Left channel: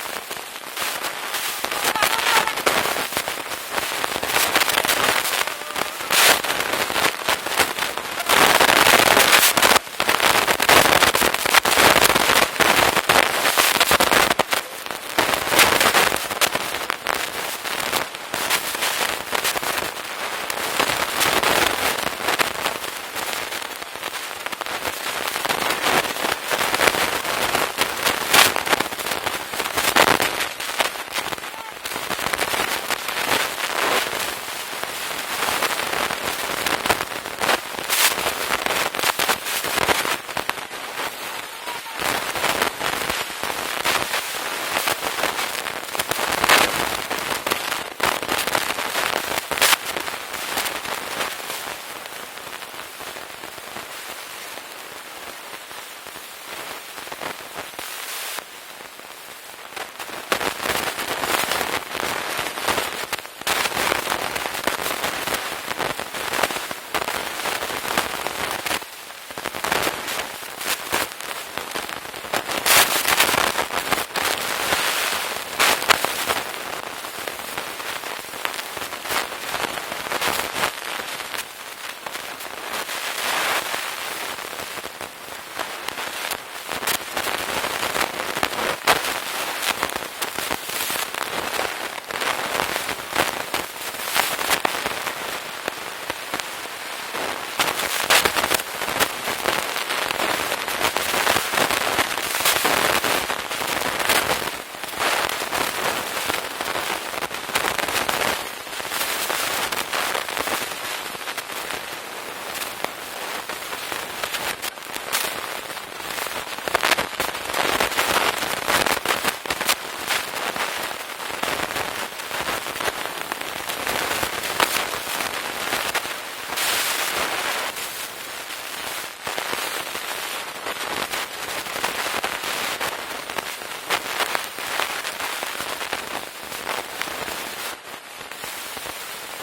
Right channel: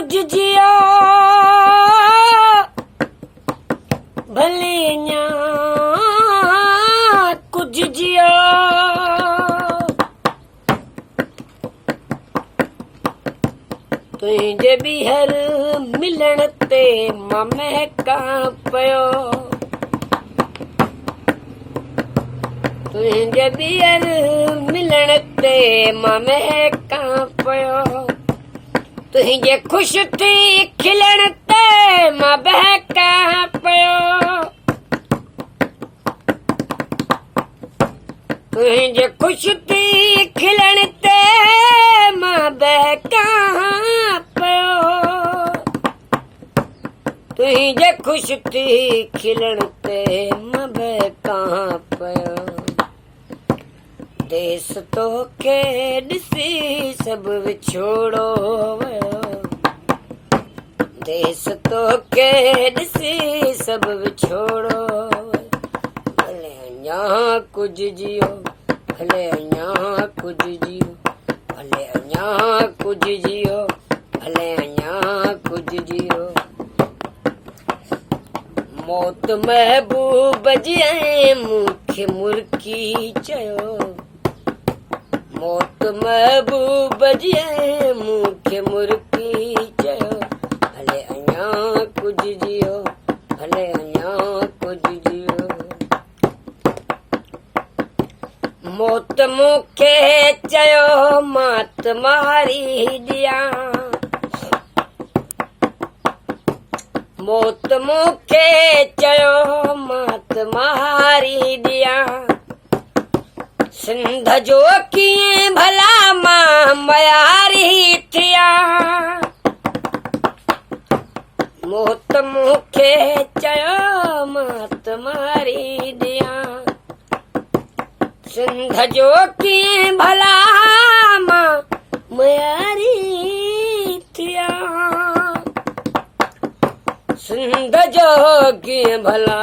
कुछ जियो भलिया कुछ जियो तुझे बिहर मिलण ते मां महका पियो तुझे बिहर मिलण ते मां महका पियो तुझे खुश थी खिलण ते मां बहका पियो तुझे खुश थी खिलण ते मां बहका पियो तुझे खुश थी खिलण ते मां बहका पियो देस तोखे ॾिसी सभु विछोड़ो वियो देस तोखे ॾिसी सभु विछोड़ो अञा कुझु जियो हले अञा कुझु जियो हले अञा कुझु जियो हले अञा कुझु जियो मौत महबूब जी मूंखे मुर्की चयो मौत महबूब जी मूंखे मुर्की चयो हले अञा कुझु जियो हले अञा कुझु जियो मौत मूंखे चयो मात मारी ॾियां मौत मूंखे चयो मात मारी ॾियां सिंध जो कीअं भला मां मयारी थिया मौत मूंखे चयो मात मारी ॾियां सिंध जो कीअं भला मां मयारी थिया सिंध जो कीअं भला